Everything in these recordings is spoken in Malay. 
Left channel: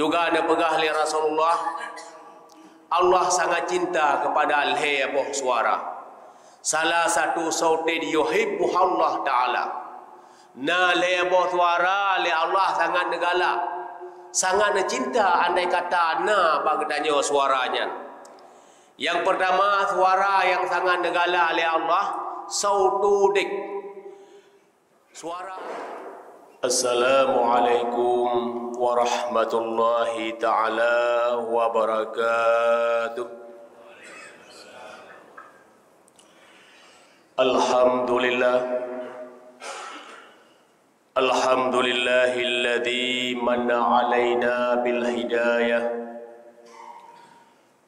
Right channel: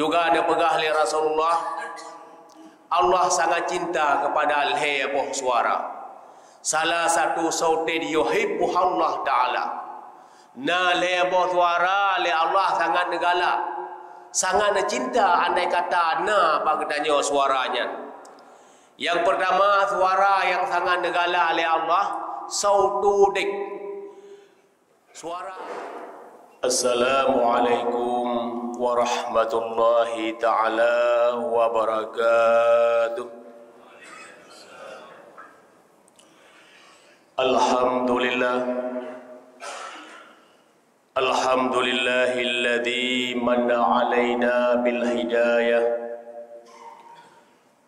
juga ada pegah li Rasulullah, Allah sangat cinta kepada alhei abuh suara. Salah satu sautin yuhibbu Allah Ta'ala. Na le abuh suara le Allah sangat negala, sangat cinta andai kata na bagdanya suaranya. Yang pertama, suara yang sangat negala oleh Allah, sautu dik. Suara. Assalamualaikum warahmatullahi ta'ala wabarakatuh. Alhamdulillah. Alhamdulillahilladzi manna alaina bil hidayah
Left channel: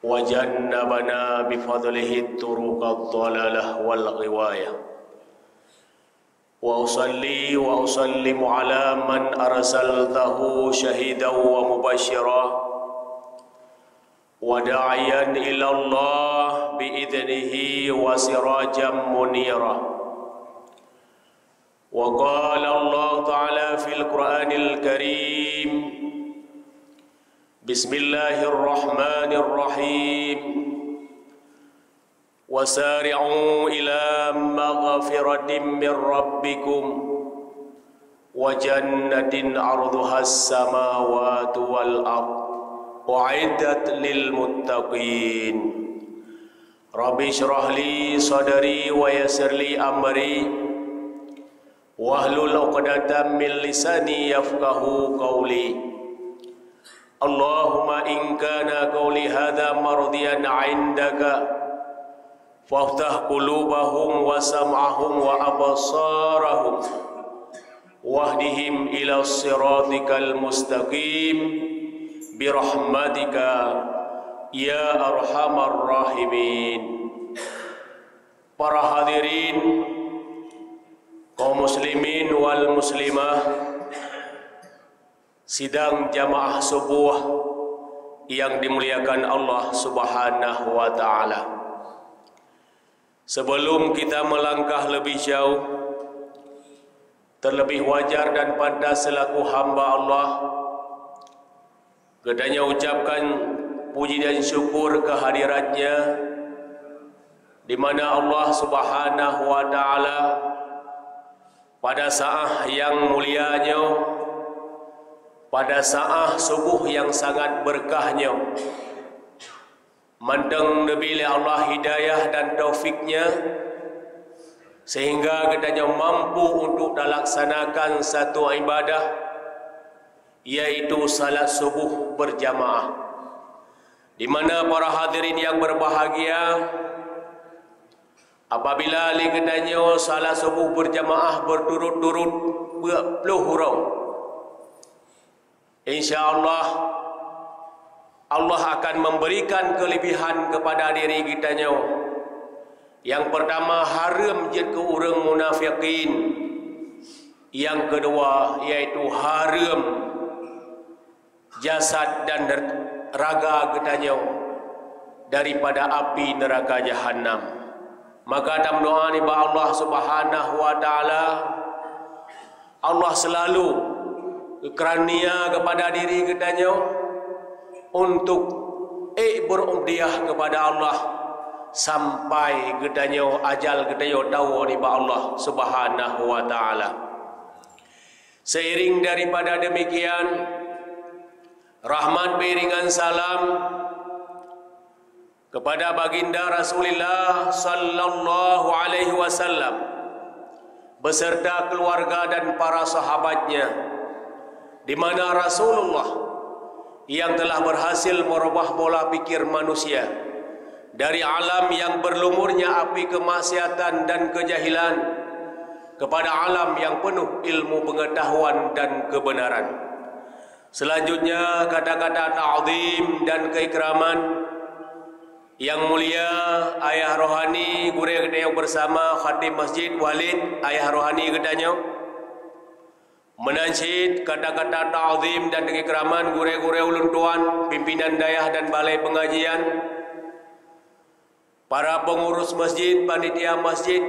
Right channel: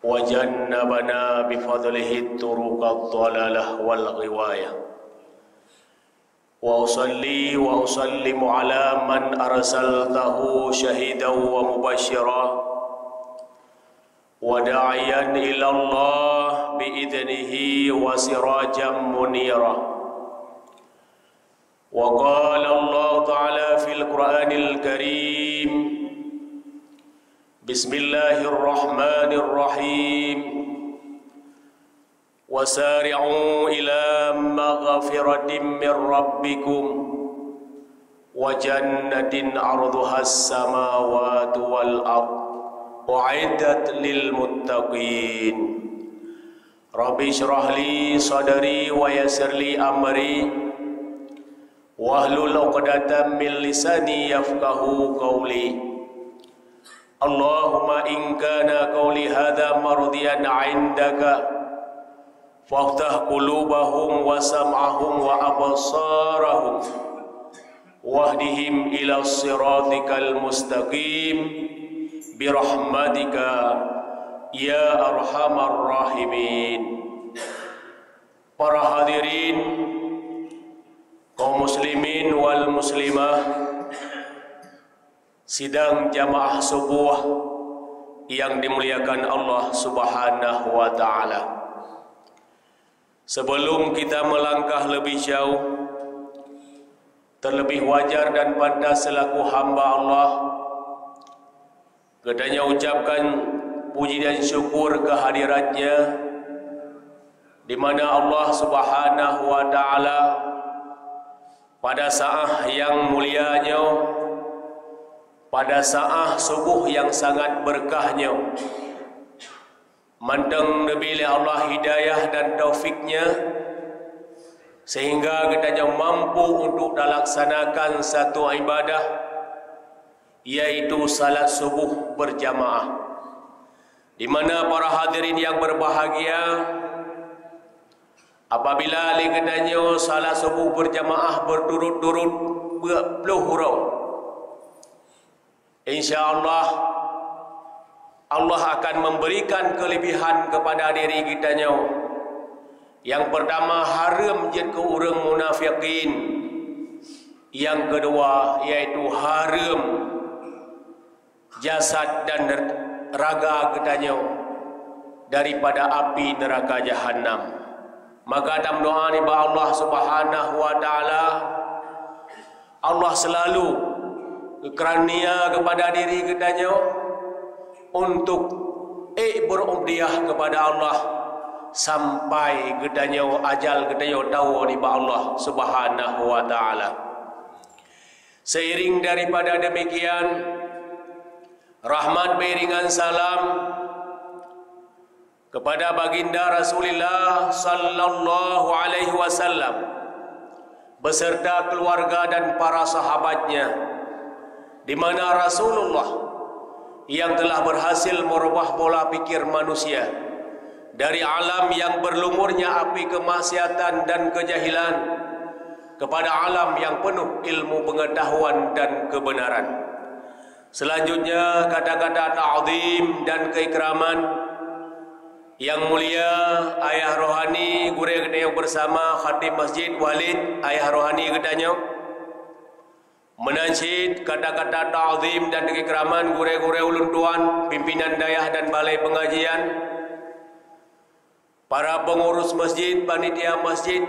wa jannabana bifadlihi turuqad dhalalah wal ghiwayah. Wa usalli wa usallimu ala man arsaltahu syahidan wa mubashshira wa da'iyan ila Allah bi'idnihi wa sirajan munira. Wa qala Allah Ta'ala fil Qur'anil Karim, Bismillahirrahmanirrahim. Wasari'u ila maghfiratin min rabbikum wa jannatin 'arduhas samawati wal ard u'iddat lil muttaqin. Rabbi shrah li sadri wa yassir li amri wahlul 'uqdatam min lisani yafqahu qawli. Allahumma in kana qawli hadha mardiyan 'indaka faftah qulubahum wa sam'ahum wa absarahum wahdihim ila siratikal mustaqim birahmatika ya arhamar rahimin. Para hadirin, kaum muslimin wal muslimah, sidang jamaah subuh yang dimuliakan Allah Subhanahu wa ta'ala. Sebelum kita melangkah lebih jauh, terlebih wajar dan pantas selaku hamba Allah kedanya ucapkan puji dan syukur kehadiratnya, di mana Allah Subhanahu wa ta'ala pada saat yang mulianya, pada saat subuh yang sangat berkahnya, mandang Nabi Allah hidayah dan taufiknya sehingga katanya mampu untuk melaksanakan satu ibadah, yaitu salat subuh berjamaah, di mana para hadirin yang berbahagia, apabila katanya salat subuh berjamaah berturut-turut 20 huruf, insya-Allah Allah akan memberikan kelebihan kepada diri kitanya. Yang pertama, haram jid ke orang munafikin. Yang kedua, yaitu haram jasad dan raga kitanya daripada api neraka Jahannam. Maka dalam doa ni Allah Subhanahu wa ta'ala, Allah selalu kerania kepada diri kitanya untuk berumriyah kepada Allah sampai gedanya ajal gedanya tahu ni Allah Subhanahu wa ta'ala. Seiring daripada demikian, rahmat beriringan salam kepada baginda Rasulullah sallallahu alaihi wasallam beserta keluarga dan para sahabatnya, di mana Rasulullah yang telah berhasil merubah pola pikir manusia dari alam yang berlumurnya api kemaksiatan dan kejahilan kepada alam yang penuh ilmu pengetahuan dan kebenaran. Selanjutnya, kata-kata ta'zim dan keikraman yang mulia ayah rohani gure gede yang bersama khatib Masjid Walid, ayah rohani gedanya menansyid kata-kata ta'zim dan keikraman gure-gure ulun tuan, pimpinan dayah dan balai pengajian, para pengurus masjid, panitia masjid,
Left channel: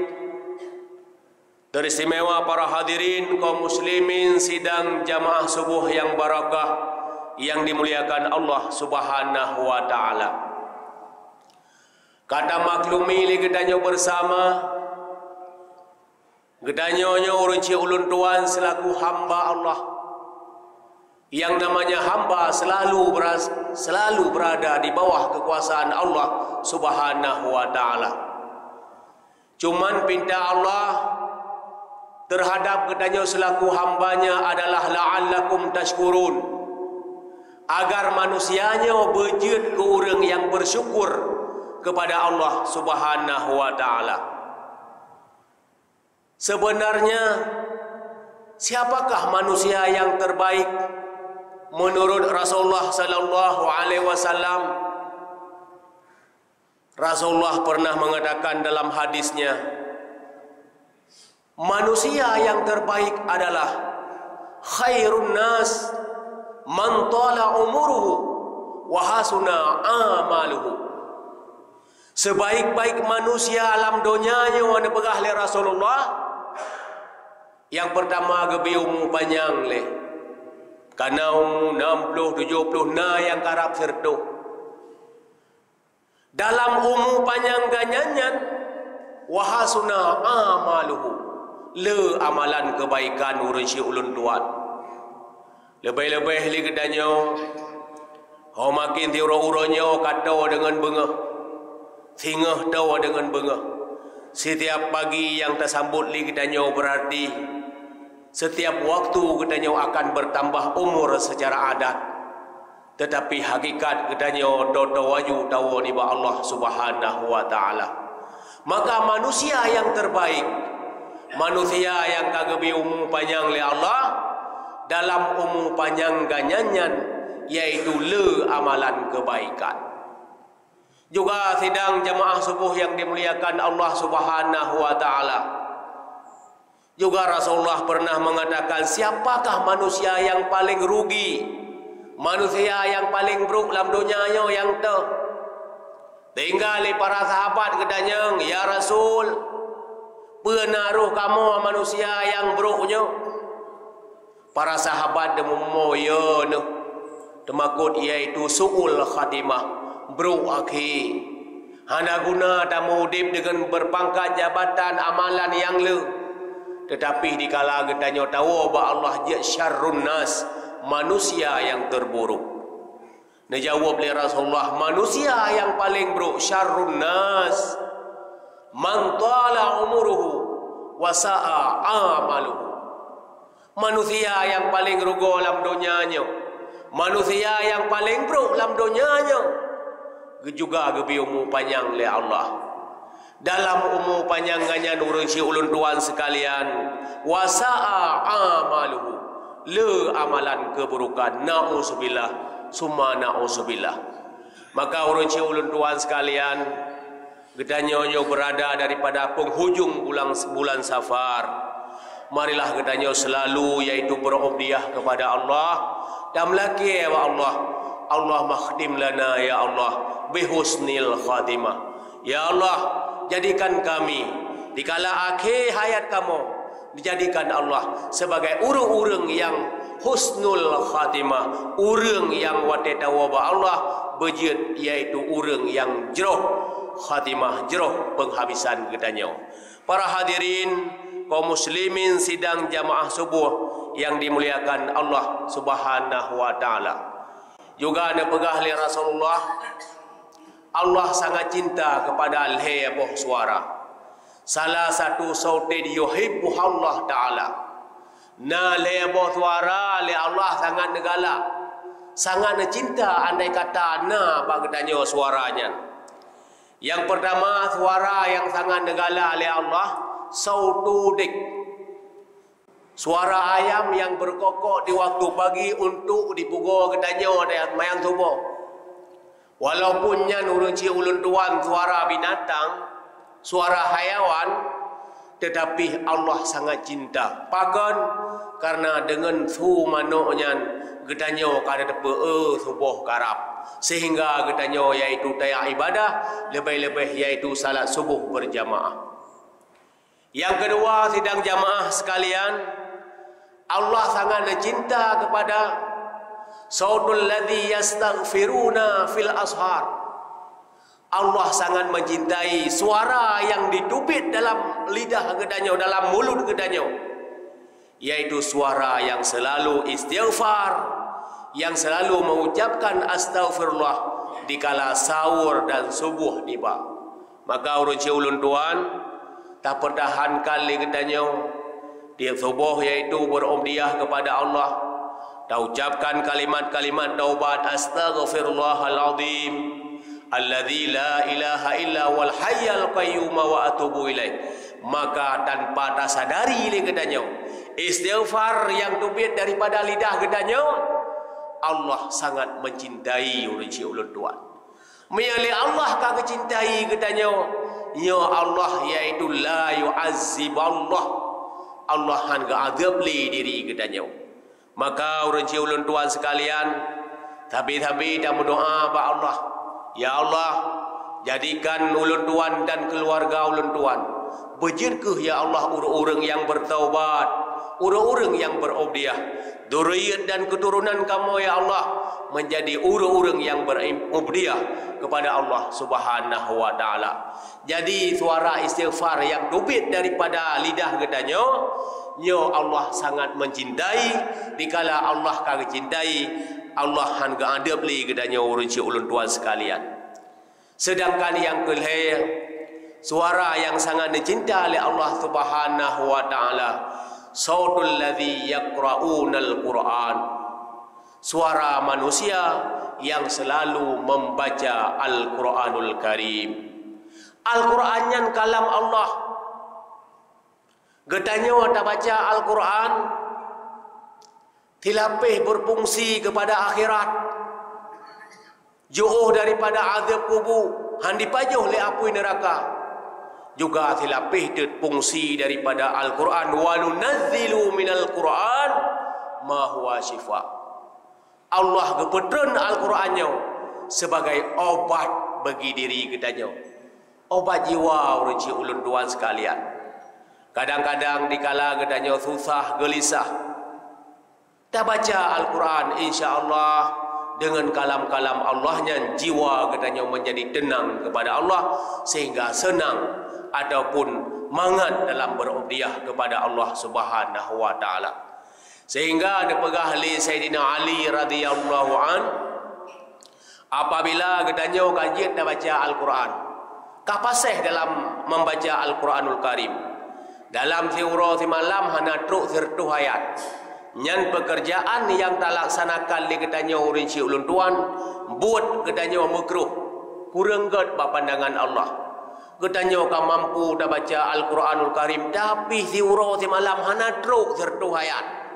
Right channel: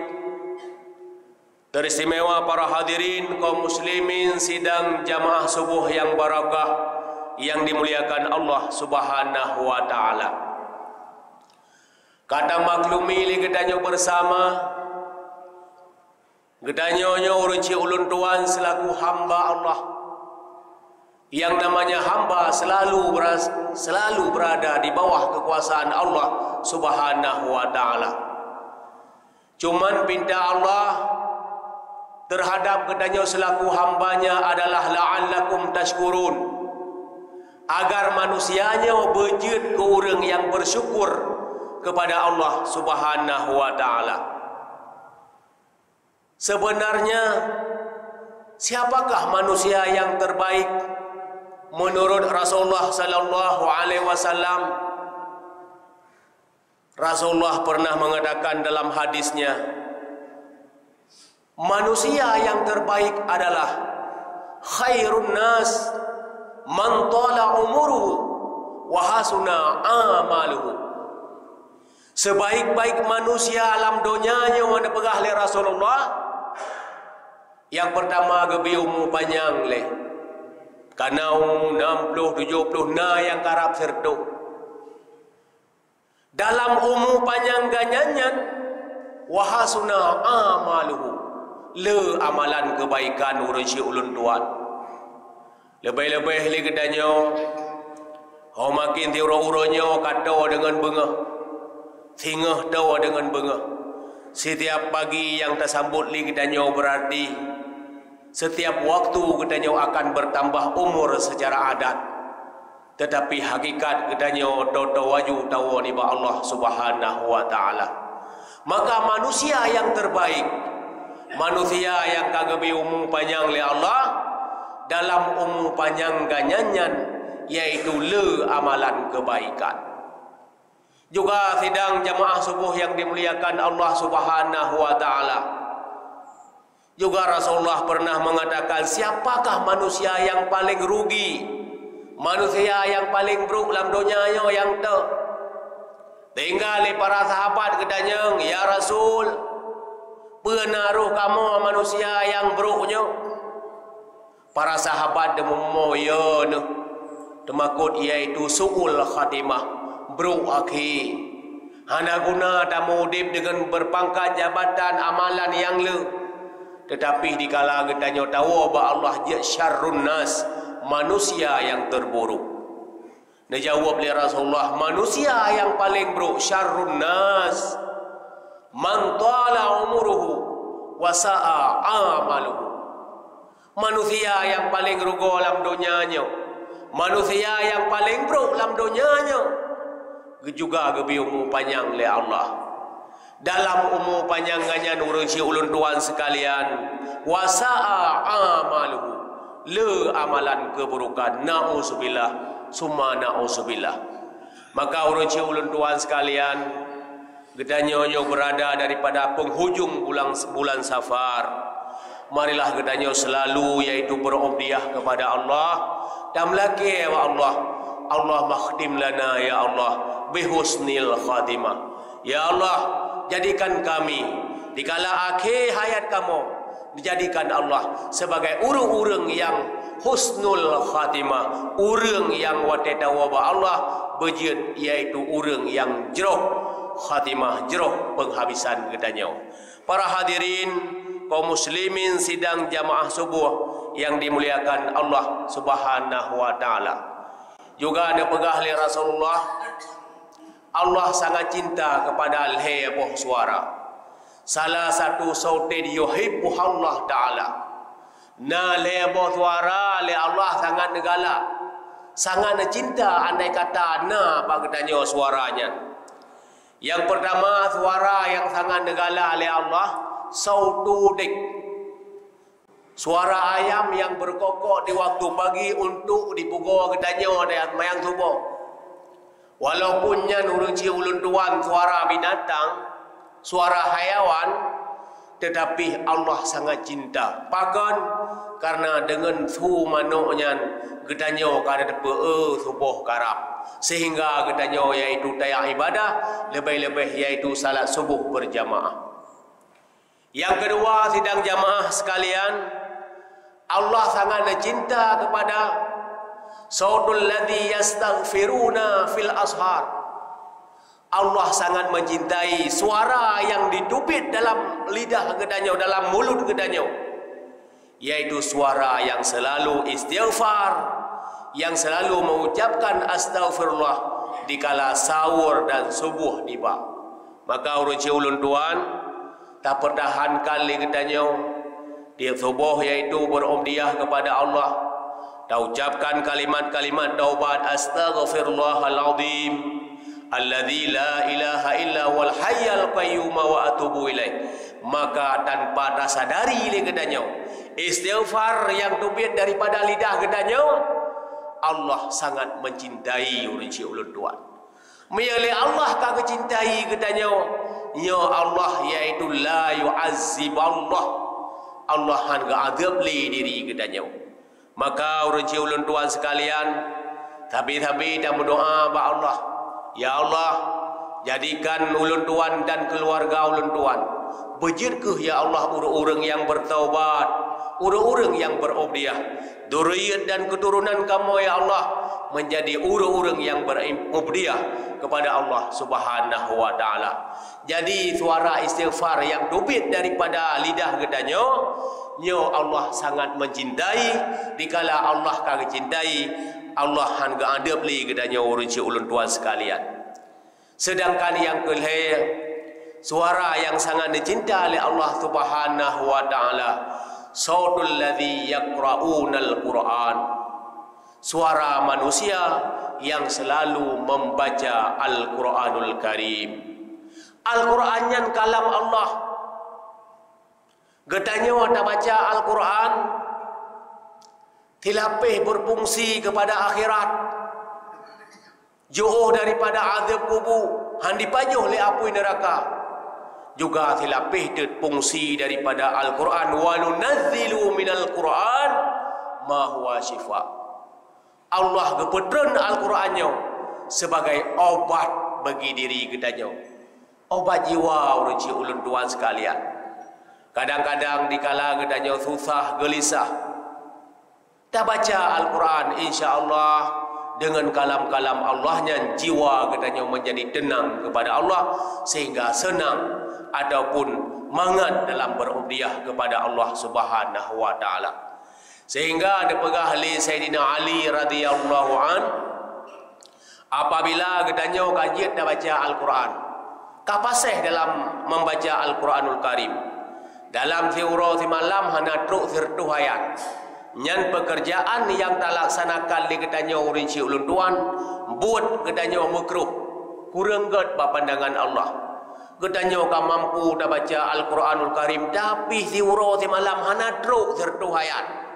teristimewa para hadirin kaum muslimin sidang jamaah subuh yang barakah yang dimuliakan Allah Subhanahu wa taala. Kadang maklumi li gedanyo bersama gedanyonyo urunci ulun tuan selaku hamba Allah. Yang namanya hamba selalu berada di bawah kekuasaan Allah Subhanahu wa taala. Cuman pinta Allah terhadap gedanyo selaku hambanya adalah la'allakum tashkurun, agar manusianya berjid ke orang yang bersyukur kepada Allah Subhanahu wa taala. Sebenarnya siapakah manusia yang terbaik menurut Rasulullah sallallahu alaihi wasallam? Rasulullah pernah mengatakan dalam hadisnya, manusia yang terbaik adalah khairun nas man tala umuruhu wa hasuna amaluhu. Sebaik-baik manusia alam dunianya yang dipegah oleh Rasulullah, yang pertama gebi umur panjang leh. Karena 60-70 na yang karap sertu. Dalam umur panjang ganyanyan wahasuna amaluhu, le amalan kebaikan urun si ulun tuan. Lebih-lebih li gedanyo ho makin tiuro-uronyo kata dengan bengah, singah tahu dengan bengah. Setiap pagi yang tersambut li gedanyo berarti setiap waktu gedanyo akan bertambah umur secara adat. Tetapi hakikat gedanyo toto waju tahu ni ba Allah Subhanahu wa taala. Maka manusia yang terbaik, manusia yang kagebi umur panjang oleh Allah, dalam umur panjang ganyanyan yaitu le amalan kebaikan. Juga sidang jamaah subuh yang dimuliakan Allah Subhanahu wa taala. Juga Rasulullah pernah mengatakan, siapakah manusia yang paling rugi, manusia yang paling buruk dalam dunianya yang tu? Tinggal para sahabat gedanyang, ya Rasul, penaruh kamu manusia yang buruknya. Para sahabat demo ya ne, temakut iaitu suul khatimah, buruk akhir. Hana guna tamu udip dengan berpangkat jabatan amalan yang le. Tetapi dikala gedanyo tahu bahawa Allah dia syarrun nas, manusia yang terburuk. Dijawab oleh Rasulullah, manusia yang paling buruk syarrun nas man tala umuruhu wa sa'a amaluhu. Manusia yang paling rugo dalam dunianya, manusia yang paling buruk dalam dunianya, juga gebi umur panjang oleh Allah. Dalam umur panjangnya nurun si ulun tuan sekalian, wasa'a amaluhu, le amalan keburukan, na'udzubillah, summa na'udzubillah. Maka urun si ulun tuan sekalian, gedanyo berada daripada penghujung bulan Safar. Marilah gedanyo selalu yaitu berobdiah kepada Allah dan melaki ya Allah, Allah makhdim lana ya Allah bihusnil khatimah. Ya Allah, jadikan kami dikala akhir hayat kamu, dijadikan Allah sebagai urang-urang yang husnul khatimah, urang yang watetawa ba Allah bejid, yaitu urang yang jeroh khatimah, jeroh penghabisan gedanyo. Para hadirin kaum muslimin sidang jamaah subuh yang dimuliakan Allah Subhanahu wa taala. Juga ada pegah oleh Rasulullah, Allah sangat cinta kepada al-haybuh suara. Salah satu sautin yuhibbu Allah Ta'ala. Na lebuh suara le Allah sangat negala, sangat cinta andai kata na bagdanyo suaranya. Yang pertama suara yang sangat negala oleh Allah, sautu dik. Suara ayam yang berkokok di waktu pagi untuk dipukul gedanyo dan mayang tubuh. Walaupun nya nurun ci ulun tuan suara binatang, suara hayawan, tetapi Allah sangat cinta. Pakan karena dengan su manoknya gedanyo kada depe subuh karap, sehingga gedanyo yaitu tayak ibadah, lebih-lebih yaitu salat subuh berjamaah. Yang kedua sidang jamaah sekalian, Allah sangat cinta kepada sautul ladzi yastaghfiruna fil ashar. Allah sangat mencintai suara yang ditubit dalam lidah gedanyau, dalam mulut gedanyau, yaitu suara yang selalu istighfar, yang selalu mengucapkan astaghfirullah dikala sahur dan subuh tiba. Maka urun ulun tuan tak pertahankan li gedanyau dia subuh, yaitu berumdiah kepada Allah, tak ucapkan kalimat-kalimat taubat, astaghfirullahaladzim alladzi la ilaha illa wal hayyal qayyum wa atubu ilaih. Maka tanpa tersadari li gedanyau, istighfar yang tubit daripada lidah gedanyau, Allah sangat mencintai urun ulun tuan. Meyali Allah ka kecintai gedanyau, ya Allah, yaitu la yu'azzib Allah, Allah han ga azab li diri gedanyau. Maka urun ulun tuan sekalian, tabi-tabi dan berdoa ba Allah, ya Allah, jadikan ulun tuan dan keluarga ulun tuan bejirkeuh ya Allah urang-urang yang bertaubat, urang-urang yang berubdiah, dzurriyyat dan keturunan kamu ya Allah menjadi urang-urang yang berubdiah kepada Allah Subhanahu wa taala. Jadi suara istighfar yang tubit daripada lidah gedanyau, ya Allah sangat mencintai. Dikala Allah kagak cintai, Allah han ga adab li gedanyau urang ulun tuan sekalian. Sedangkan yang kelih, suara yang sangat dicinta oleh Allah Subhanahu wa taala, sautul ladzi yaqra'unal Qur'an, suara manusia yang selalu membaca Al-Qur'anul Karim. Al-Qur'an yang kalam Allah. Gedanyau tak baca Al-Qur'an tilapih berfungsi kepada akhirat, jauh daripada azab kubur, handi pajuh le apui neraka. Juga tilapih berfungsi daripada Al-Quran, wa nunazzilu minal Quran ma huwa syifa. Allah gepetreun Al-Qurannya sebagai obat bagi diri gedanyau, obat jiwa urang ulun tuan sekalian. Kadang-kadang dikala gedanyau susah gelisah, tak baca Al-Quran, insya-Allah dengan kalam-kalam Allahnya jiwa gedanyau menjadi tenang kepada Allah, sehingga senang ataupun mangat dalam berubdiah kepada Allah Subhanahu wa taala. Sehingga ada pegah li Sayyidina Ali radhiyallahu an, apabila gedanyau kajian dah baca Al-Quran, kapasih dalam membaca Al-Quranul Karim, dalam siuro si malam hana truk sirtu hayat nyan pekerjaan yang tak laksanakan li gedanyau urang ulun tuan buat gedanyau makruh, kurang ged pandangan Allah. Gedanyau ka mampu dah baca Al-Quranul Karim, tapi siuro si malam hana truk sirtu hayat.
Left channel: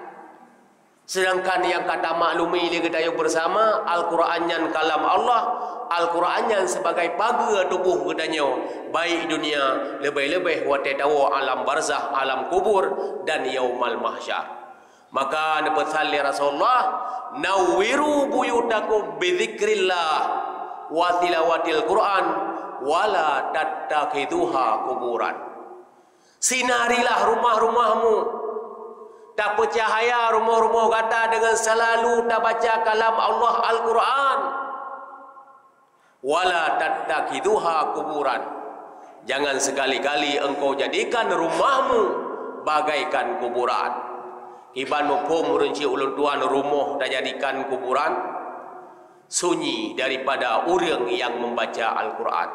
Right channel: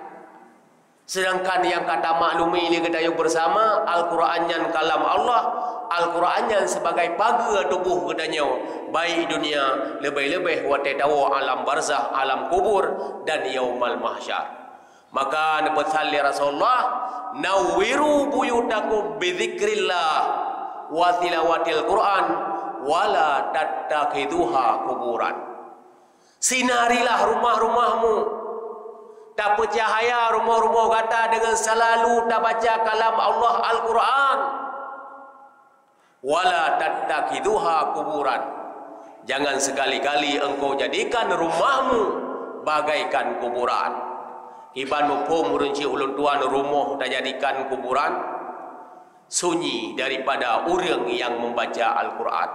Sedangkan yang kata maklumi li gedanyau bersama Al-Quran yang kalam Allah, Al-Quran yang sebagai pagar tubuh gedanyau, baik dunia lebih-lebih wate tahu alam barzah, alam kubur dan yaumal mahsyar. Maka nabi Rasulullah, nawwiru buyutakum bidzikrillah wa tilawatil Quran wala tattakhiduha kuburan. Sinarilah rumah-rumahmu, tak percahaya rumah-rumah kata dengan selalu tak baca kalam Allah Al-Quran. Wala tattakhiduha kuburan. Jangan sekali-kali engkau jadikan rumahmu bagaikan kuburan. Iban mufhum urang ulun tuan, rumah dah jadikan kuburan, sunyi daripada orang yang membaca Al-Quran.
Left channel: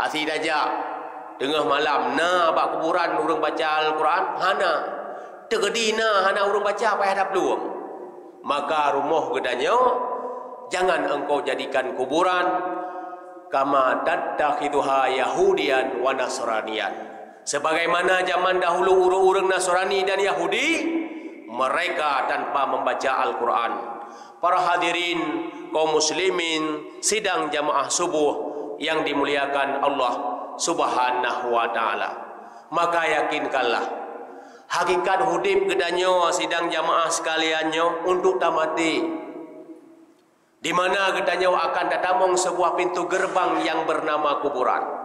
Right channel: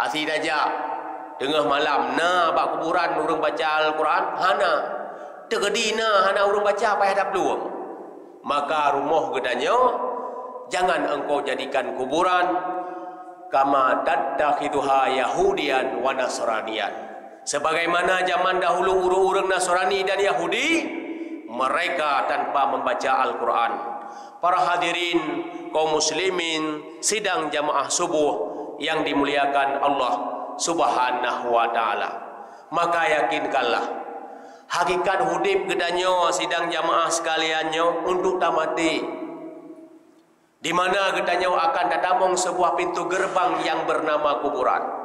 Asih dajak tengah malam na bak kuburan orang baca Al-Quran, hana tegedina hana orang baca apa hadap luang. Maka rumah gedanyau jangan engkau jadikan kuburan, kama tattakhiduha yahudian wa nasranian. Sebagaimana zaman dahulu orang-orang Nasrani dan Yahudi, mereka tanpa membaca Al-Quran. Para hadirin kaum muslimin sidang jamaah subuh yang dimuliakan Allah Subhanahu wa taala, maka yakinkanlah hakikat hudib gedanyau sidang jamaah sekaliannya untuk tamati, di mana gedanyau akan datamong sebuah pintu gerbang yang bernama kuburan.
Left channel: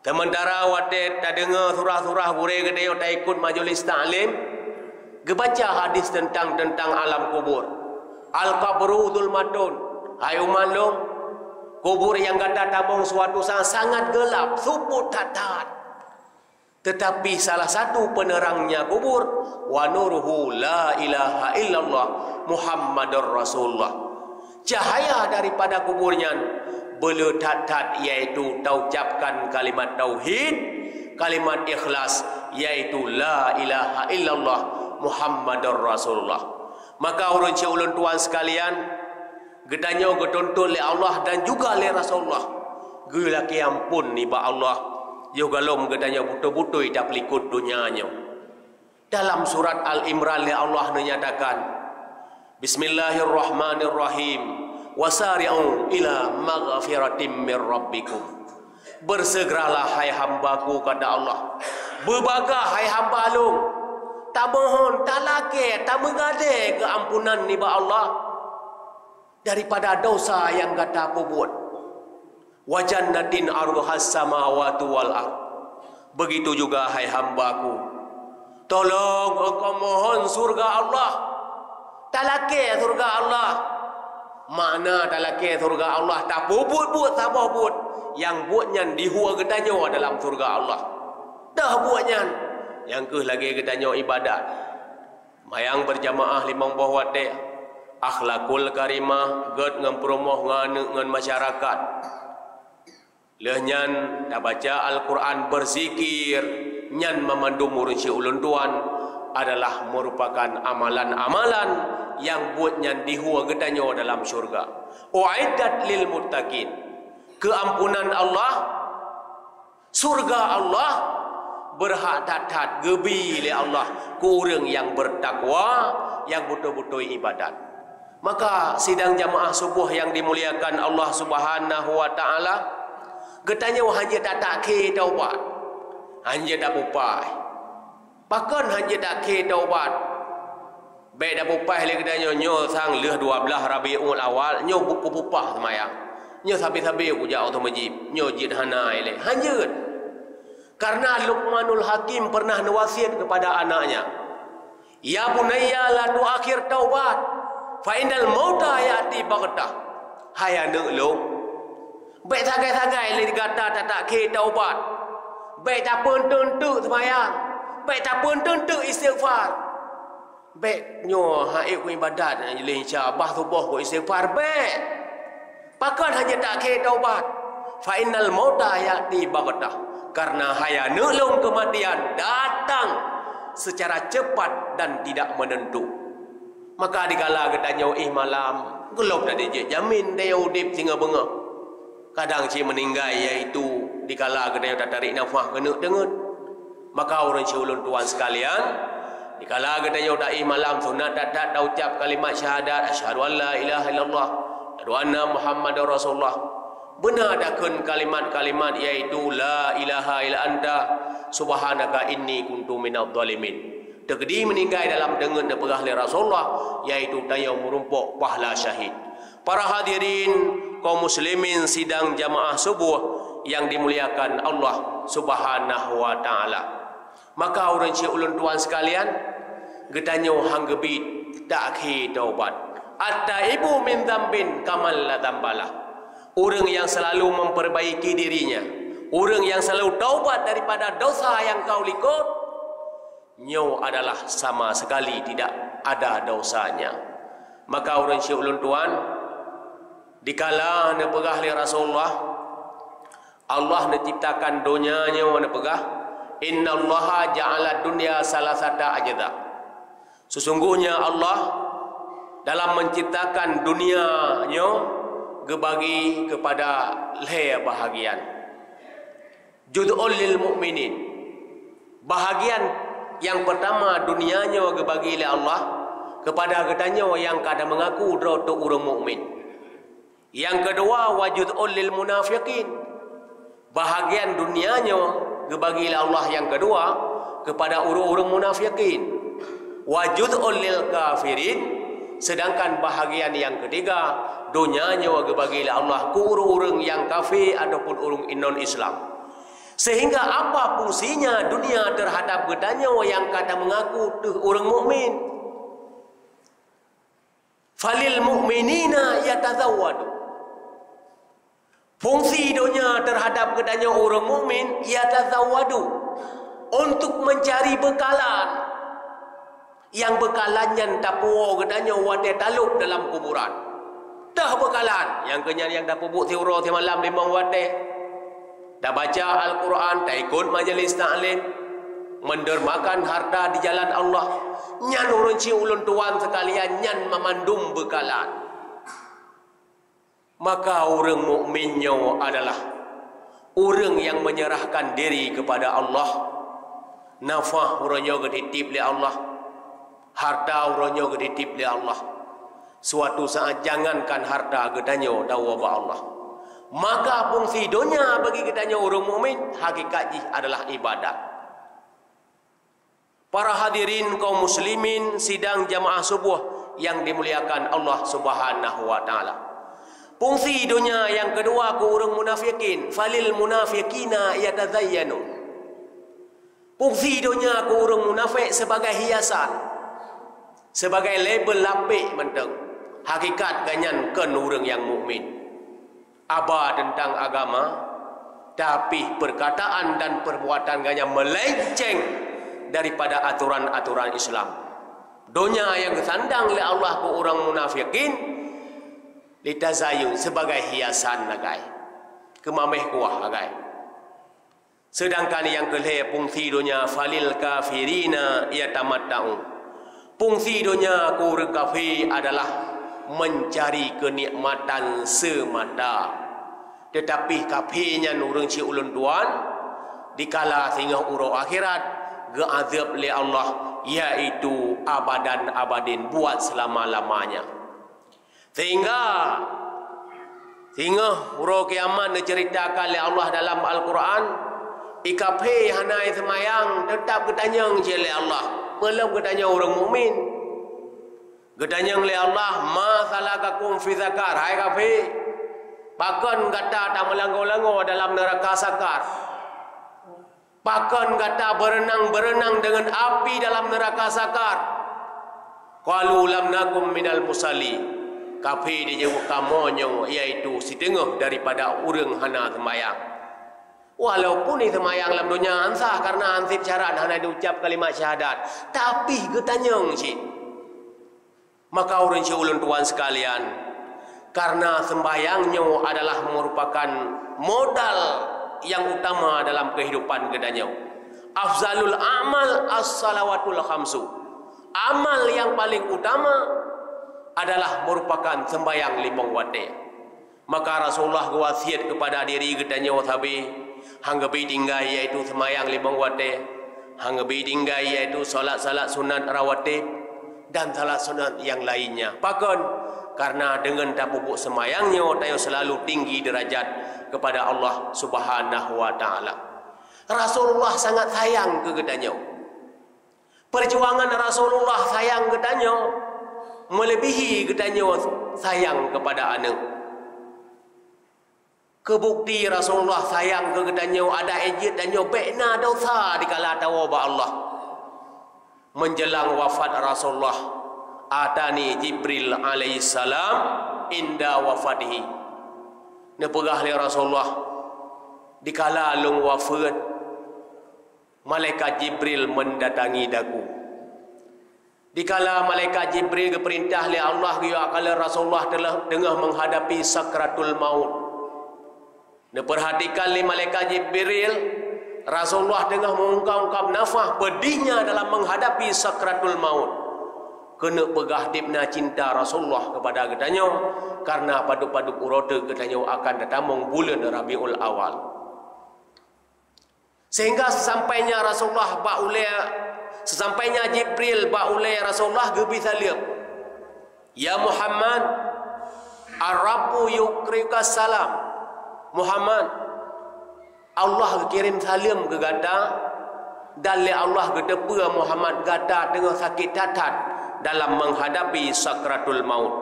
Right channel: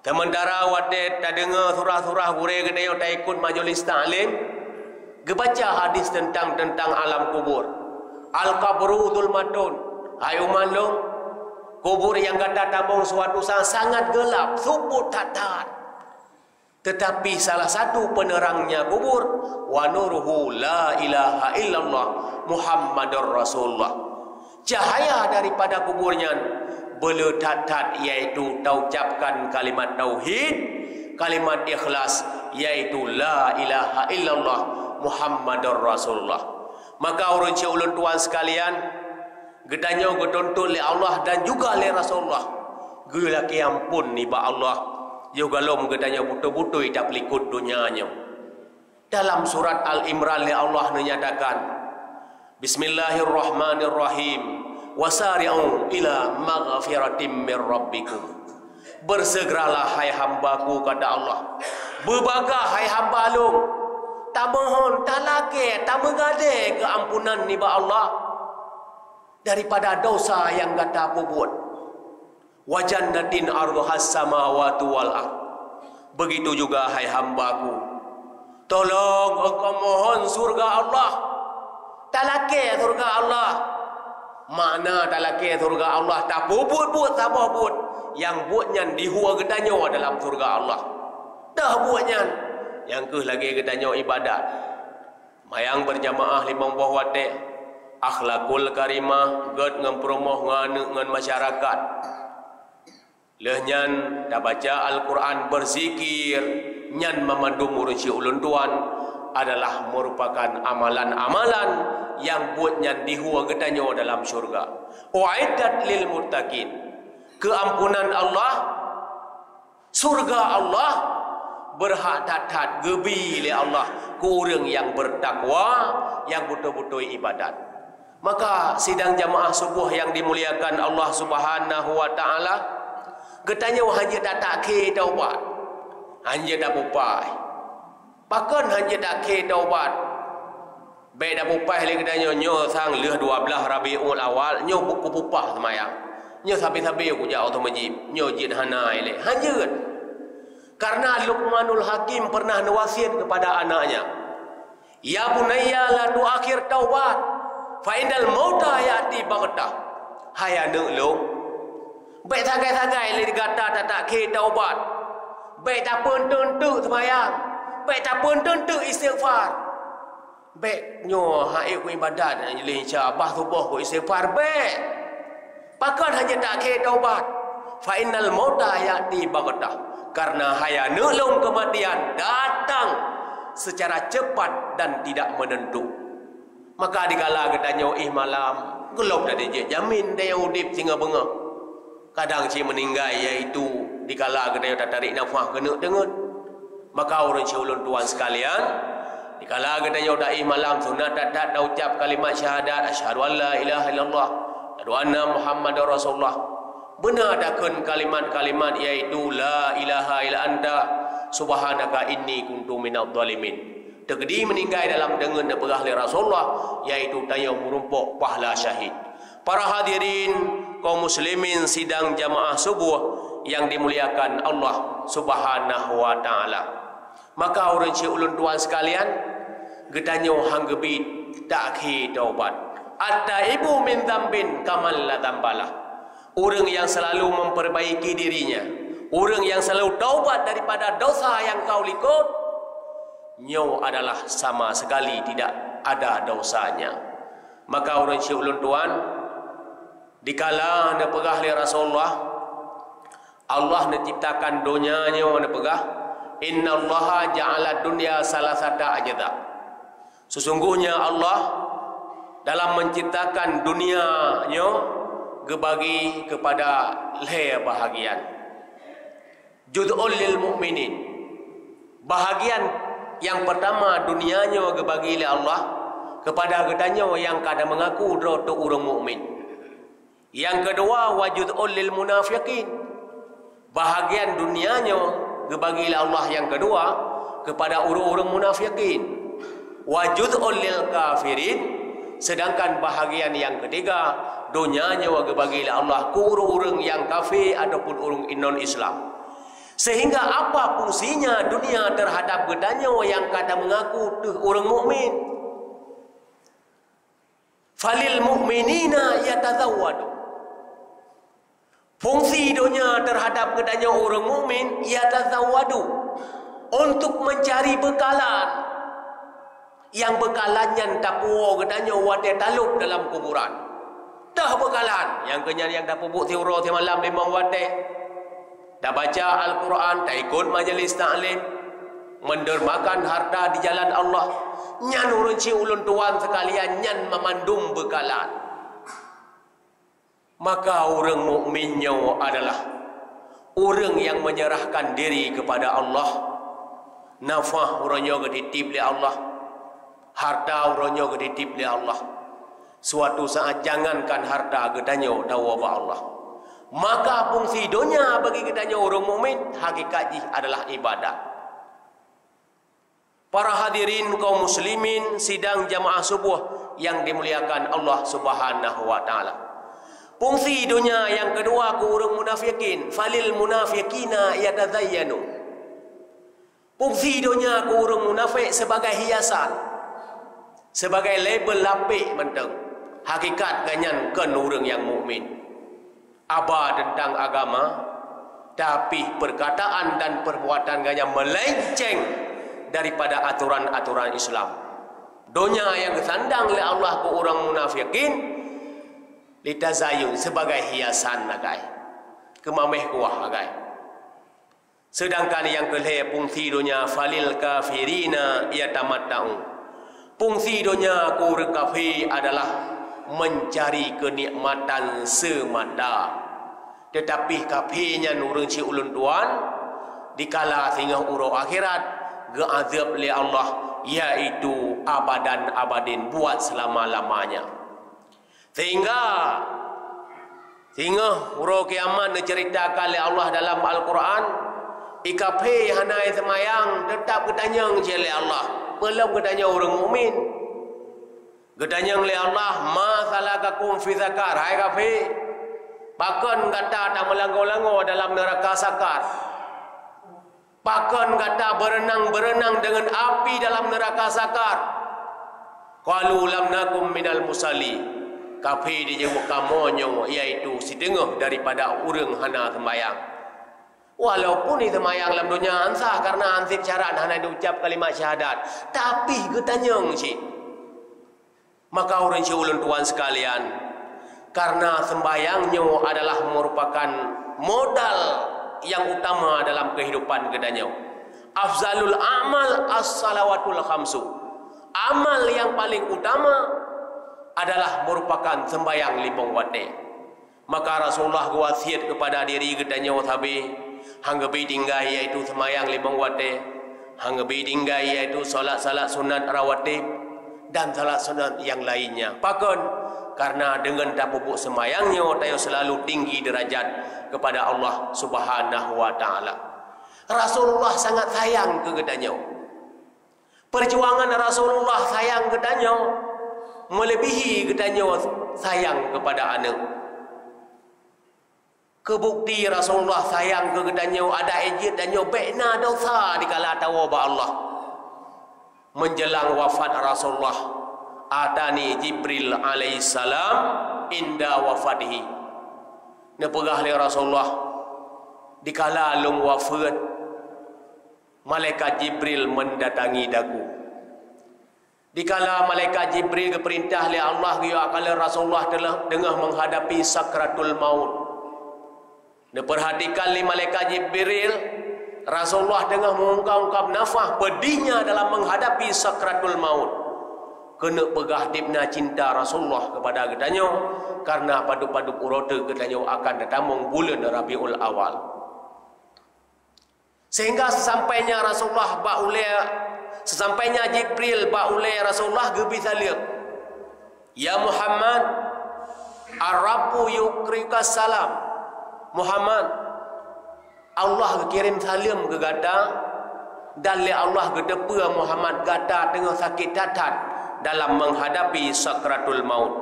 Sementara wate tak dengar surah-surah gure gedanyau tak ikut majelis ta'lim, gebaca hadis tentang alam kubur. Al-qabru dzulmatun. Hai umat long, kubur yang gata tabung suatu saat sangat gelap, suput tatat. Tetapi salah satu penerangnya kubur, wa nuruhu la ilaha illallah Muhammadur Rasulullah. Cahaya daripada kuburnya beletat-tat, iaitu taucapkan kalimat tauhid, kalimat ikhlas, iaitu la ilaha illallah Muhammadur Rasulullah. Maka urun cik ulun tuan sekalian, gedanya getuntut oleh Allah dan juga oleh Rasulullah. Gelaki ampun ni ba Allah, yo galom gedanya butuh-butuh tak pelikut dunianya. Dalam surat Al-Imran Allah menyatakan, Bismillahirrahmanirrahim, wasari'u ila maghfiratim mir rabbikum. Bersegeralah hai hambaku, kata Allah, berbagah hai hamba long, tak mohon, tak laki, tak mengade keampunan ni ba Allah daripada dosa yang kata apa buat. Wa jannatin arduhas samawati wal ard. Begitu juga hai hambaku, tolong engkau mohon surga Allah. Tak laki surga Allah. Makna tak laki surga Allah, tak buat sabah buat. Yang buatnya dihua gedanyo dalam surga Allah. Dah buatnya yang ke lagi gedanyo ibadat. Mayang berjamaah limang buah wate, akhlakul karimah, ged ngan promoh ngan masyarakat. Lehnyan dah baca Al-Quran, berzikir, nyan memandu murusi ulun tuan adalah merupakan amalan-amalan yang buatnya dihua gedanyo dalam syurga. Uiddat lil muttaqin. Keampunan Allah, surga Allah berhak tatat gebi oleh Allah ke orang yang bertakwa, yang betul-betul ibadat. Maka sidang jamaah subuh yang dimuliakan Allah Subhanahu wa taala, getanya hanya tak ke taubat, hanya dak pupai. Pakan hanya tak ke taubat. Baik dak pupai le getanya nyo sang leh 12 Rabiul Awal nyo buku pupah semayang. Nyo sabi-sabi aku jauh tu majib, nyo jid hanai le. Hanya karena Luqmanul Hakim pernah nawasiat kepada anaknya, ya bunayya la tuakhir taubat fa innal mauta yati baghtah. Hai anak long, baik sagai-sagai le dikata tak ke taubat, baik tak pun tentu sembahyang, baik tak pun tentu istighfar, baik nyo haik ku ibadat le insya-Allah subuh ku istighfar baik. Pakan hanya tak ke taubat, fa innal mauta yati baghtah. Karena haya nelung kematian datang secara cepat dan tidak menentu. Maka dikala getanya malam gelap tadi je jamin dia udip singa benga. Kadang si meninggal iaitu dikala getanya tak tarik nafas kena dengut. Maka orang si ulun tuan sekalian, dikala getanya tak malam sunat tak ucap kalimat syahadat asyhadu an la ilaha illallah wa anna muhammadar rasulullah. Benar adakun kalimat-kalimat iaitu la ilaha illa anta subhanaka inni kuntu minadh dhalimin. Tegedi meninggal dalam dengan perah oleh Rasulullah, iaitu tanya merumpuk pahala syahid. Para hadirin kaum muslimin sidang jamaah subuh yang dimuliakan Allah Subhanahu wa taala. Maka orang cik ulun tuan sekalian, getanyo hang gebit tak khi taubat. At-taibu min dzambin kamal la dzambalah. Orang yang selalu memperbaiki dirinya, orang yang selalu taubat daripada dosa yang kau likut, nyo adalah sama sekali tidak ada dosanya. Maka orang syekh ulun tuan, dikala anda pegah oleh Rasulullah, Allah menciptakan dunia nyo anda pegah, inna allaha ja'ala dunya salasata ajda. Sesungguhnya Allah dalam menciptakan dunia nyo gebagi kepada le bahagian. Jud'ul lil mu'minin. Bahagian yang pertama dunianya gebagi oleh Allah kepada gedanya yang kada mengaku untuk orang mukmin. Yang kedua wajud'ul lil munafiqin. Bahagian dunianya gebagi oleh Allah yang kedua kepada orang-orang munafiqin. Wajud'ul lil kafirin. Sedangkan bahagian yang ketiga dunianya bagi Allah ke orang-orang yang kafir ataupun orang non Islam. Sehingga apa fungsinya dunia terhadap gedanya yang kata mengaku orang mukmin? Falil mu'minina yatazawwadu. Fungsi dunia terhadap kedanya orang mukmin yatazawwadu, untuk mencari bekalan. Yang bekalannya tapu kedanya wate talup dalam kuburan. Dah bekalan yang kenyang yang dah pupuk tiura ti malam limang wate. Dah baca Al-Quran, dah ikut majlis ta'lim, mendermakan harta di jalan Allah. Nyan urun ci ulun tuan sekalian, nyan memandum bekalan. Maka orang mukminnya adalah orang yang menyerahkan diri kepada Allah. Nafah orangnya dititip oleh Allah, harta orangnya dititip oleh Allah. Suatu saat jangankan harta gedanya dawa ba Allah. Maka fungsi dunia bagi gedanya orang mukmin hakikatnya adalah ibadat. Para hadirin kaum muslimin sidang jamaah subuh yang dimuliakan Allah Subhanahu wa taala. Fungsi dunia yang kedua ku orang munafikin, falil munafiqina yatazayyanu. Fungsi dunia ku orang munafik sebagai hiasan, sebagai label lapik menteng. Hakikat ganyan kan orang yang mukmin. Aba tentang agama, tapi perkataan dan perbuatan ganyan melenceng daripada aturan-aturan Islam. Dunia yang disandang oleh Allah ku orang munafikin litazayun sebagai hiasan nagai. Kemameh kuah nagai. Sedangkan yang kelih fungsi dunia falil kafirina yatamatta'un. Fungsi dunia ku orang kafir adalah mencari kenikmatan semata. Tetapi kafirnya nurung ci ulun tuan dikala sehingga urang akhirat geazab oleh Allah, yaitu abadan abadin, buat selama-lamanya. Sehingga urang kiamat diceritakan oleh Allah dalam Al-Quran, ikape hanai semayang tetap ketanyang oleh Allah, belum ketanya orang mukmin. Ketanyang oleh Allah, ma salakakum fi zakar, hai kafe. Bahkan kata tak melanggar-langgar dalam neraka sakar. Bahkan kata berenang-berenang dengan api dalam neraka sakar. Qalu lam nakum minal musalli. Kafe dijawab kamonyo, iaitu setengah daripada orang hana semayang. Walaupun itu semayang dalam dunia ansah karena ansip syarat hana diucap kalimat syahadat, tapi getanyang cik. Maka orang ulun tuan sekalian, karena sembayangnya adalah merupakan modal yang utama dalam kehidupan gedanya. Afzalul amal as-salawatul khamsu. Amal yang paling utama adalah merupakan sembayang 5 waktu. Maka Rasulullah wasiat kepada diri gedanya wasabi, hangga tinggal iaitu sembayang 5 waktu, hangga tinggal iaitu salat-salat sunat rawatib dan salat sunat yang lainnya. Bahkan karena dengan tapubuk semayangnya tayo selalu tinggi derajat kepada Allah Subhanahu wa taala. Rasulullah sangat sayang ke gedanya. Perjuangan Rasulullah sayang gedanya melebihi gedanya sayang kepada anak. Kebukti Rasulullah sayang ke gedanya ada ejit danyo bekna dosa dikala tawaba Allah. Menjelang wafat Rasulullah, atani Jibril alaihissalam inda wafatihi. Nepegah oleh Rasulullah dikala lung wafat, malaikat Jibril mendatangi daku. Dikala malaikat Jibril keperintah oleh Allah kala Rasulullah telah tengah menghadapi sakratul maut. Diperhatikan oleh malaikat Jibril, Rasulullah tengah mengungkap nafas pedihnya dalam menghadapi sakratul maut. Kena pegah dibna cinta Rasulullah kepada gedanya, karena padu-padu urota gedanya akan datang bulan Rabiul Awal. Sehingga sesampainya Rasulullah sesampainya Jibril baulai Rasulullah gebi salim. Ya Muhammad, Ar-Rabbu yukrika salam. Muhammad, Allah kirim salam ke gata, dan Allah gedepa Muhammad gata tengah sakit tatat dalam menghadapi sakratul maut.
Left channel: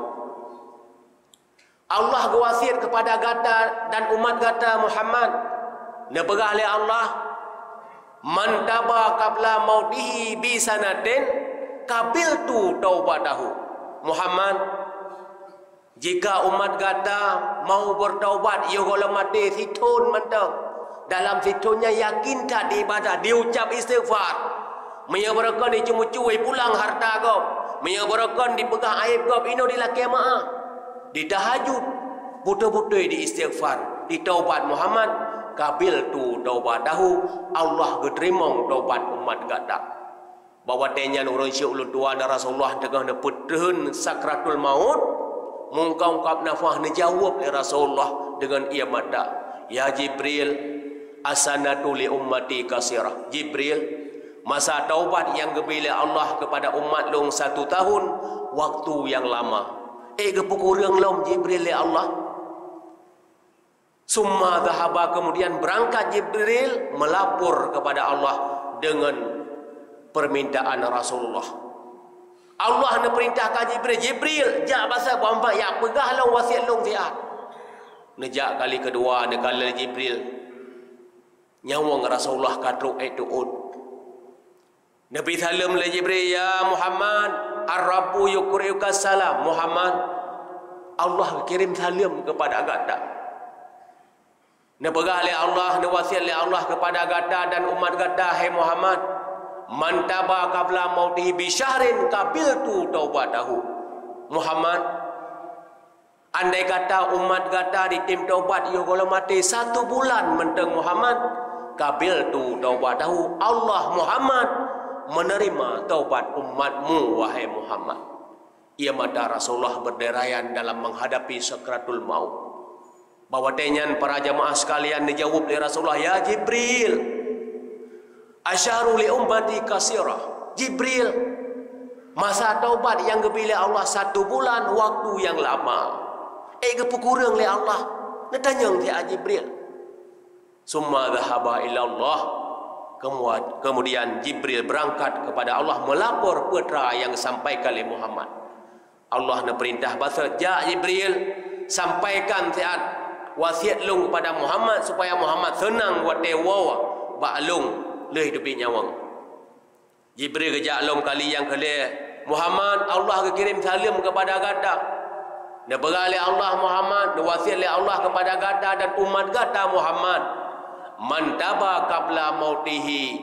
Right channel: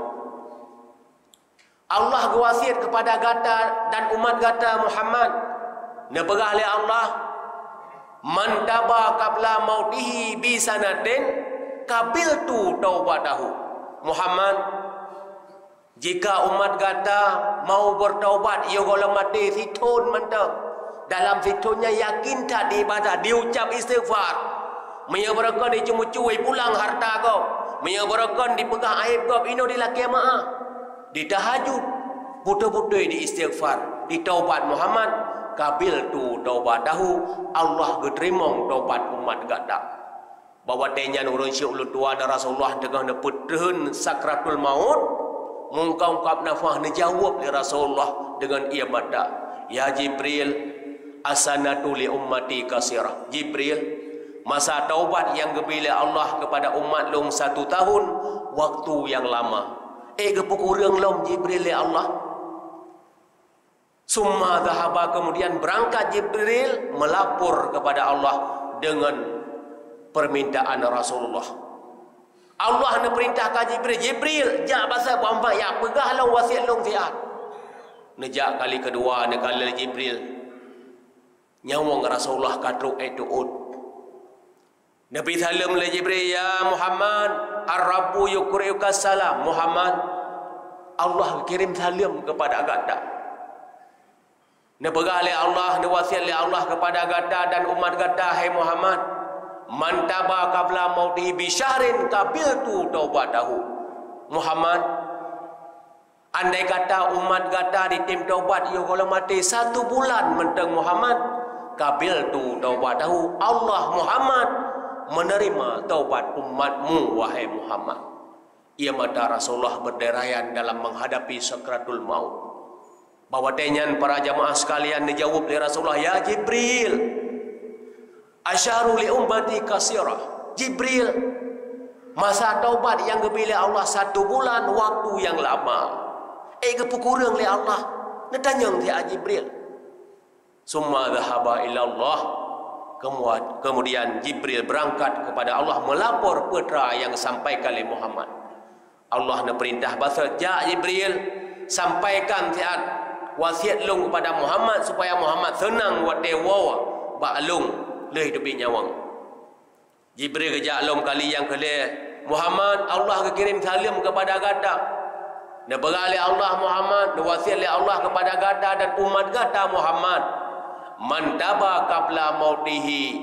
Allah wasiat kepada gata dan umat gata Muhammad, nepegah oleh Allah, man taba qabla mautihi bi sanatin qabiltu taubatahu. Muhammad, Jika umat kata mau bertaubat, ia kalau mati situn mentang. Dalam situnya yakin tak di ibadah, diucap istighfar. Menyebarakan dicumui pulang harta kau. Menyebarakan dipegang aib kau. Ino di laki maaf. Di tahajud. Betul-betul di istighfar. Di taubat Muhammad. Kabil tu taubat tahu. Allah keterimong taubat umat kata. Bahawa tanya nurun syu'ul tua dan Rasulullah tengah neputun sakratul maut. Mungkap nafah nejawab oleh Rasulullah dengan ia mata. Ya Jibril, asanatu li ummati kasirah. Jibril, masa taubat yang gebila Allah kepada umat long 1 tahun, waktu yang lama. Kepukurang long Jibril li Allah. Summa dhahaba, kemudian berangkat Jibril melapor kepada Allah dengan permintaan Rasulullah. Allah nak perintahkan Jibril, Jibril, jak pasal Muhammad yang pegah long wasiat long fiat. Nejak kali kedua nak kali Jibril nyawang Rasulullah katruk itu ud. Nabi salam le Jibril, ya Muhammad, ar-rabbu yukriuka salam. Muhammad, Allah kirim salam kepada agata. Nak pegah le Allah, nak wasiat le Allah kepada agata dan umat agata, hai Muhammad, man taba qabla mautihi bi syahrin qabiltu taubatahu. Muhammad, andai kata umat kata di tim taubat ia kalau mati 1 bulan mentang Muhammad, qabiltu taubatahu. Allah Muhammad menerima taubat umatmu wahai Muhammad. Ia mata Rasulullah berderayan dalam menghadapi sakratul maut. Bahawa tenyan para jamaah sekalian dijawab oleh Rasulullah, ya Jibril, asyaru li ummati kasirah. Jibril, masa taubat yang gebila Allah 1 bulan, waktu yang lama. Kepukurang li Allah. Netanyang dia Jibril. Summa dhahaba ila Allah. Kemudian Jibril berangkat kepada Allah melapor putra yang sampaikan oleh Muhammad. Allah nak perintah bahasa, ja Jibril, sampaikan wasiat long kepada Muhammad supaya Muhammad senang buat dewa bak long leh hidupi nyawang. Jibril kejak long kali yang kelih, Muhammad, Allah kirim salam kepada gada. Nak beralih Allah Muhammad, nak wasiat oleh Allah kepada gada dan umat gada Muhammad. Man taba qabla mautihi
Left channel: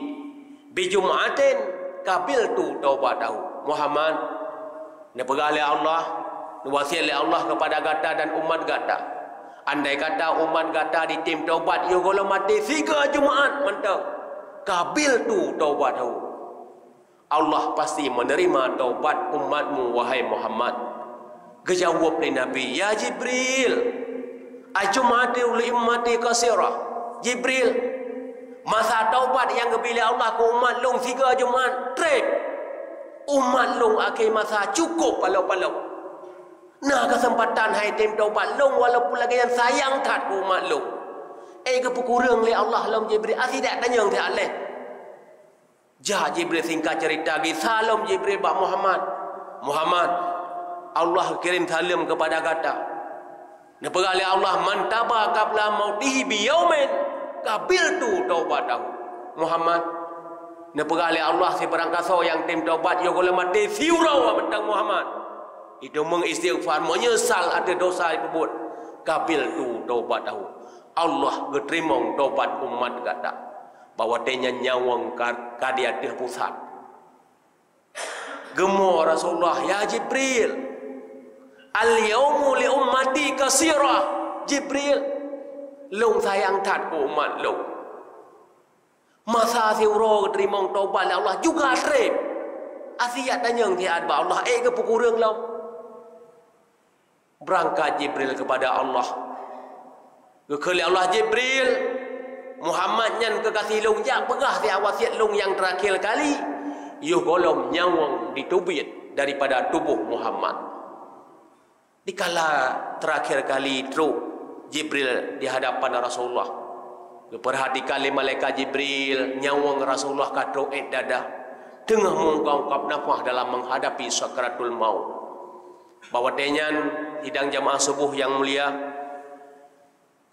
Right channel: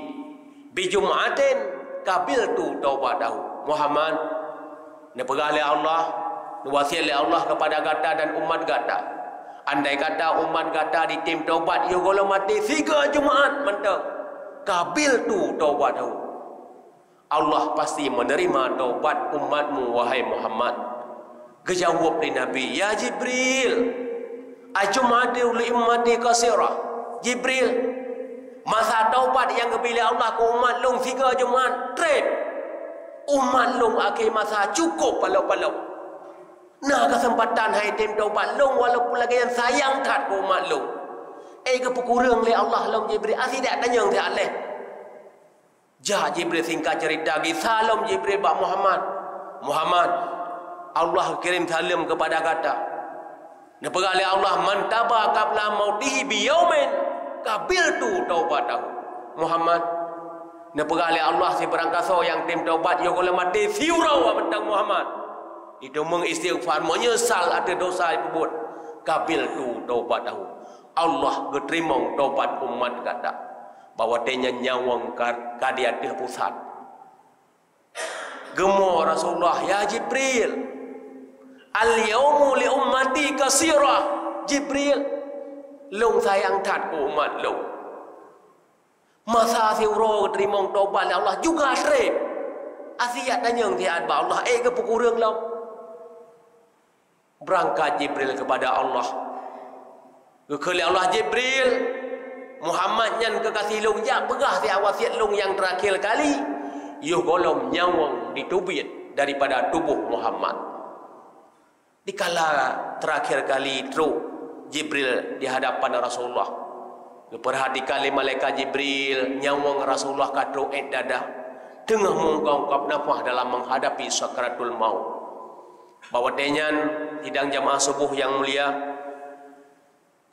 bi jum'atin qabiltu taubatahu. Muhammad, nak beralih Allah, nak wasiat oleh Allah kepada gada dan umat gada. Andai kata umat gada di tim taubat, ia kalau mati 3 Jumaat mentang, qabiltu taubatahu. Allah pasti menerima taubat umatmu wahai Muhammad. Kejawab oleh Nabi, ya Jibril, ajumatu li ummati kasirah. Jibril, masa taubat yang kebila Allah ke umat long 3 Jumaat trip. Umat long akhir masa cukup palau-palau. Nah kesempatan hai tim taubat long walaupun lagi yang sayang kat ke umat long. Kepukurang li Allah long Jibril. Tidak tanya dia aleh. Ja Jibril singkat cerita gi salam Jibril bak Muhammad. Muhammad, Allah kirim salam kepada kata. Nepegah oleh Allah, man taba qabla mautihi bi yaumin qabiltu taubatahu. Muhammad, nepegah oleh Allah si berangkasa yang tim taubat yo kalau mati siurau mentang Muhammad. Itu mengistighfar, menyesal ada dosa diperbuat. Qabiltu taubatahu. Allah keterimong taubat umat kata. Bahawa tanya nyawang kadiatih pusat. Gemur Rasulullah, ya Jibril, al-yawmu li ummati kasirah. Jibril, long sayang tat ku umat long. Masa siuro keterimong taubat Allah juga trip. Asiat tanyang tiad ba Allah, kepukurang long. Berangkat Jibril kepada Allah. Kekali Allah Jibril, Muhammad nyan kekasih long jak pegah dia wasiat long yang terakhir kali. Yuh golom nyawang ditubit daripada tubuh Muhammad. Dikala terakhir kali truk Jibril di hadapan Rasulullah. Perhatikan malaikat Jibril nyawang Rasulullah katruk dada. Tengah mengungkap nafas dalam menghadapi sakratul maut. Bahawa tenyan hidang jamaah subuh yang mulia.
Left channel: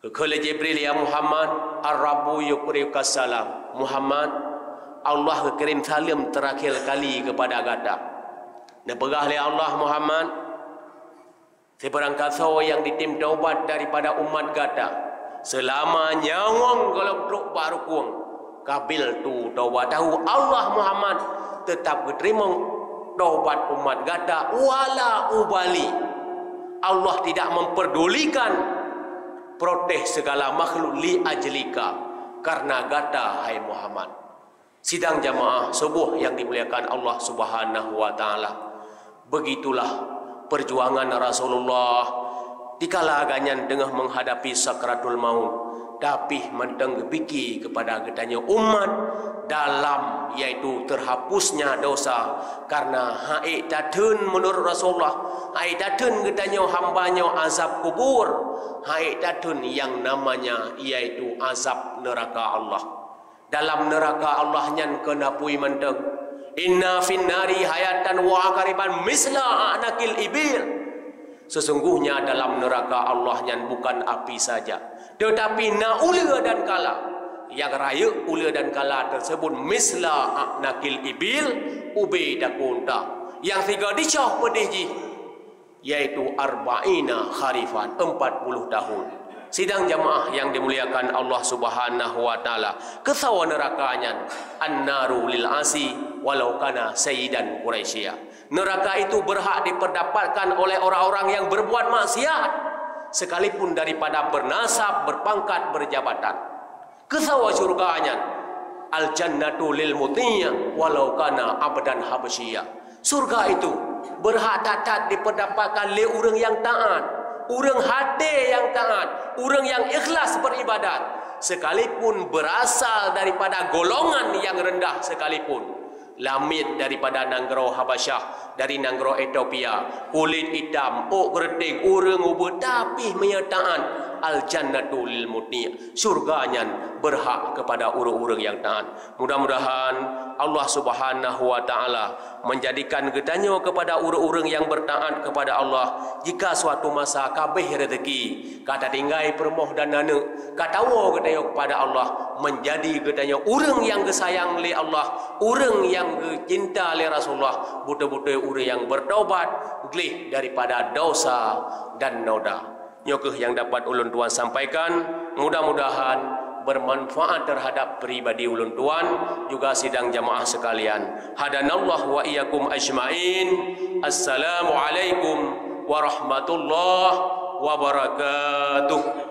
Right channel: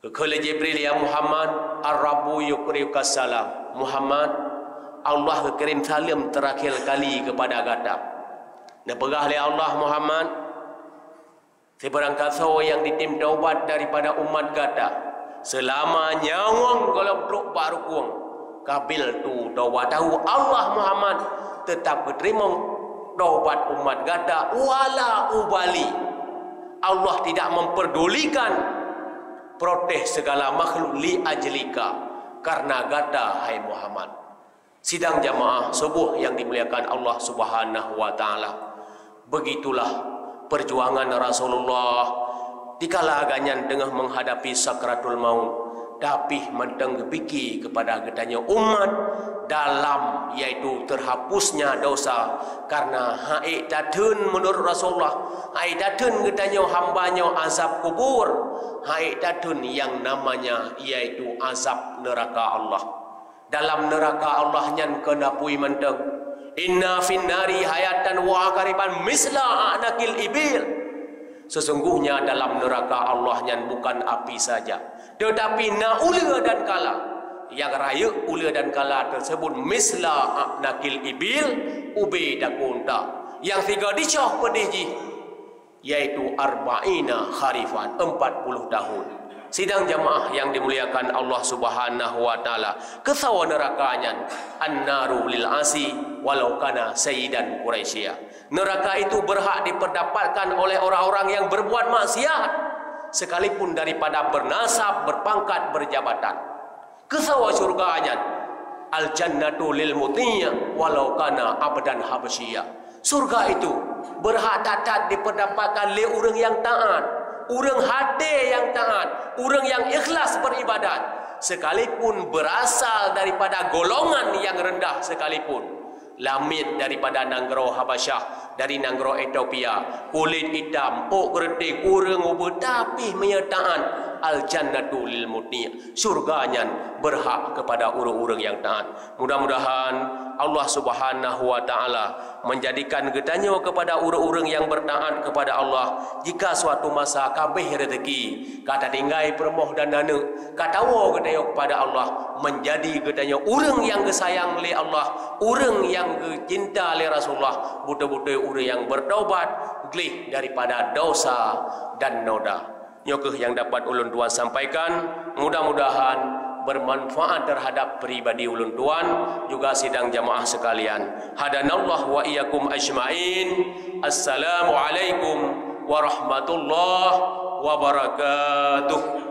Kekala Jibril, ya Muhammad, ar-rabbu yukriuka salam. Muhammad, Allah kirim salam terakhir kali kepada gata. Dan pegah oleh Allah Muhammad, Sebarang kata yang ditim taubat daripada umat gata selama nyawang golong truk baru kuang kabil tu taubat tahu Allah Muhammad tetap terima taubat umat gata wala ubali. Allah tidak memperdulikan protes segala makhluk li ajlika karena gata hai Muhammad. Sidang jamaah subuh yang dimuliakan Allah Subhanahu wa taala. Begitulah perjuangan Rasulullah dikala aganyan tengah menghadapi sakratul maut, tapi mendengbiki kepada gedanya umat dalam yaitu terhapusnya dosa karena haid datun menurut Rasulullah, haid datun gedanya hambanya azab kubur, haid datun yang namanya yaitu azab neraka Allah. Dalam neraka Allah nyan kena pui menteng inna finnari hayatan wa akariban misla anakil ibil. Sesungguhnya dalam neraka Allah nyan bukan api saja, tetapi naula dan kala yang raya ula dan kala tersebut misla anakil ibil ubi dakunta yang tiga dicah pedih yaitu arba'ina kharifan 40 tahun. Sidang jamaah yang dimuliakan Allah Subhanahu wa taala, kesawa nerakanya annaru lil asi walau kana sayyidan Quraisy. Neraka itu berhak diperdapatkan oleh orang-orang yang berbuat maksiat sekalipun daripada bernasab, berpangkat, berjabatan. Kesawa surganya al jannatu lil mutiya walau kana abdan habsyiyah. Surga itu berhak tatat diperdapatkan oleh orang yang taat, orang hati yang taat, orang yang ikhlas beribadat, sekalipun berasal daripada golongan yang rendah sekalipun. Lamit daripada Nanggro Habasyah, dari Nanggro Ethiopia, kulit hitam, keriting, urang ubah, tapi menyertaan al-jannatu lil mutni, surganya berhak kepada orang-orang yang taat. Mudah-mudahan Allah Subhanahu wa taala menjadikan gedanya kepada orang-orang yang bertaat kepada Allah. Jika suatu masa kabeh rezeki kata tinggai permoh dan dana katawa gedanya kepada Allah, menjadi gedanya orang yang disayang oleh Allah, orang yang cinta oleh Rasulullah, buta-buta orang yang bertaubat gelih daripada dosa dan noda. Nyokeh yang dapat ulun tuan sampaikan, mudah-mudahan bermanfaat terhadap pribadi ulun tuan juga sidang jamaah sekalian. Hadanallah wa iyyakum ajmain. Assalamualaikum warahmatullahi wabarakatuh.